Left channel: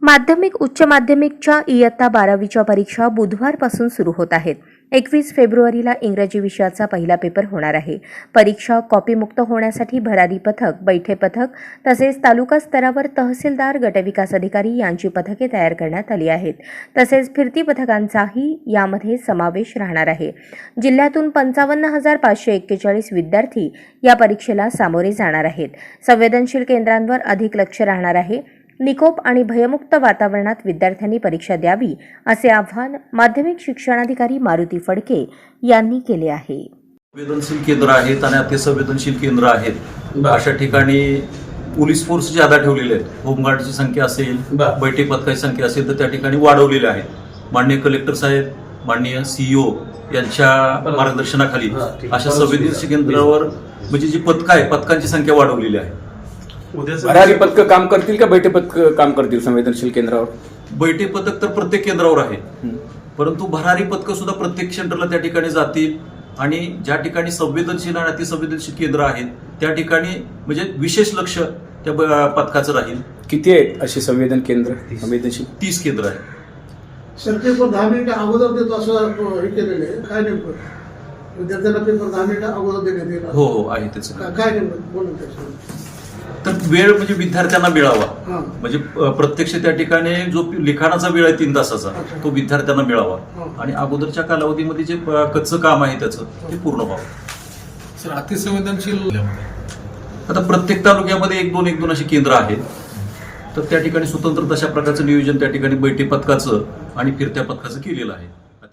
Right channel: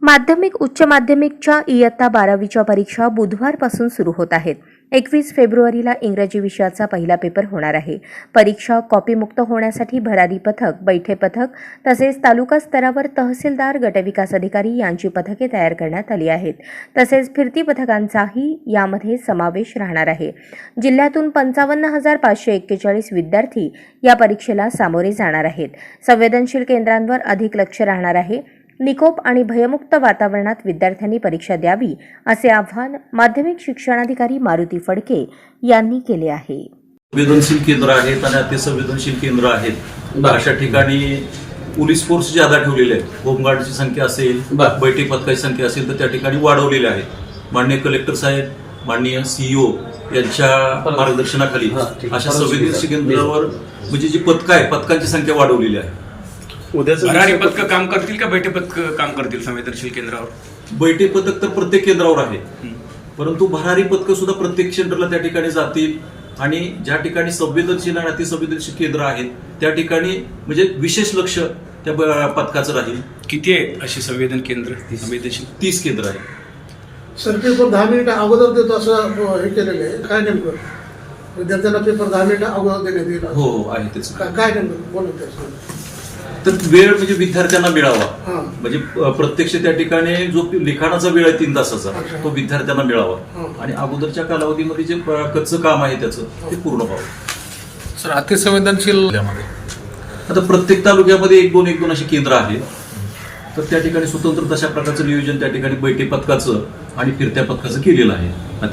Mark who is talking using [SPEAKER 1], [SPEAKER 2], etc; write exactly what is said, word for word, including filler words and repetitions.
[SPEAKER 1] माध्यमिक उच्च माध्यमिकच्या इयत्ता बारावीच्या परीक्षा बुधवारपासून सुरू होत आहेत. एकवीस फेब्रुवारीला इंग्रजी विषयाचा पहिला पेपर होणार आहे. परीक्षा कॉपीमुक्त होण्यासाठी भरारी पथक, बैठे पथक तसेच तालुका स्तरावर तहसीलदार, गटविकास अधिकारी यांची पथके तयार करण्यात आली आहेत. तसेच फिरती पथकांचाही यामध्ये समावेश राहणार आहे. जिल्ह्यातून पंचावन्न हजार पाचशे एक्केचाळीस विद्यार्थी या परीक्षेला सामोरे जाणार आहेत. संवेदनशील केंद्रांवर अधिक लक्ष राहणार आहे. निकोप आणि भयमुक्त वातावरणात विद्यार्थ्यांनी परीक्षा द्यावी असे आवाहन माध्यमिक शिक्षणाधिकारी मारुती फडके यांनी केले आहे.
[SPEAKER 2] संवेदनशील केंद्र आहेत आणि अतिसंवेदनशील केंद्र आहेत. अशा ठिकाणी पोलीस फोर्स ज्यादा ठेवलेले आहेत. होमगार्डची संख्या असेल, बैठक पथकाची संख्या असेल तर त्या ठिकाणी वाढवलेले आहेत. माननीय कलेक्टर साहेब, माननीय सीईओ यांच्या मार्गदर्शनाखाली अशा संवेदनशील केंद्रावर म्हणजे जी पथकं आहे पथकांची संख्या वाढवलेली आहे.
[SPEAKER 3] भरारी पथक काम करतील का बैठे पथक काम करतील संवेदनशील केंद्रावर?
[SPEAKER 2] बैठे पथक तर प्रत्येक केंद्रावर आहे, परंतु भरारी पथक सुद्धा प्रत्येक सेंटरला त्या ठिकाणी जातील आणि ज्या ठिकाणी संवेदनशील आणि अतिसंवेदनशील केंद्र आहेत त्या ठिकाणी म्हणजे विशेष लक्ष त्या पथकाचं राहील.
[SPEAKER 3] किती आहेत अशी संवेदन केंद्र संवेदनशील?
[SPEAKER 2] तीस केंद्र आहे.
[SPEAKER 4] सर पेपर दहा मिनिट अगोदर देतो असं हे केलेलं आहे. काय नेमकं विद्यार्थ्यांना पेपर दहा मिनिट अगोदर देण्यात येईल?
[SPEAKER 2] हो हो आहे त्याचं.
[SPEAKER 4] काय नेमकं बोलून त्याचं
[SPEAKER 2] तर वेळ म्हणजे विद्यार्थ्यांना मिळावा, म्हणजे प्रत्यक्ष त्या ठिकाणी जो लिखाणाचा वेळ आहे तीन तासाचा तो विद्यार्थ्यांना मिळावा आणि अगोदरच्या कालावधीमध्ये जे कच्चं काम आहे त्याचं ते पूर्ण व्हावं.
[SPEAKER 5] सर अतिसंवेदनशील
[SPEAKER 2] आता प्रत्येक तालुक्यामध्ये एक दोन एक दोन असे केंद्र आहेत, तर त्या ठिकाणी स्वतंत्र तशा प्रकारचं नियोजन त्या ठिकाणी बैठे पथकाचं आणि फिरत्या पथकाचं केलेलं आहे.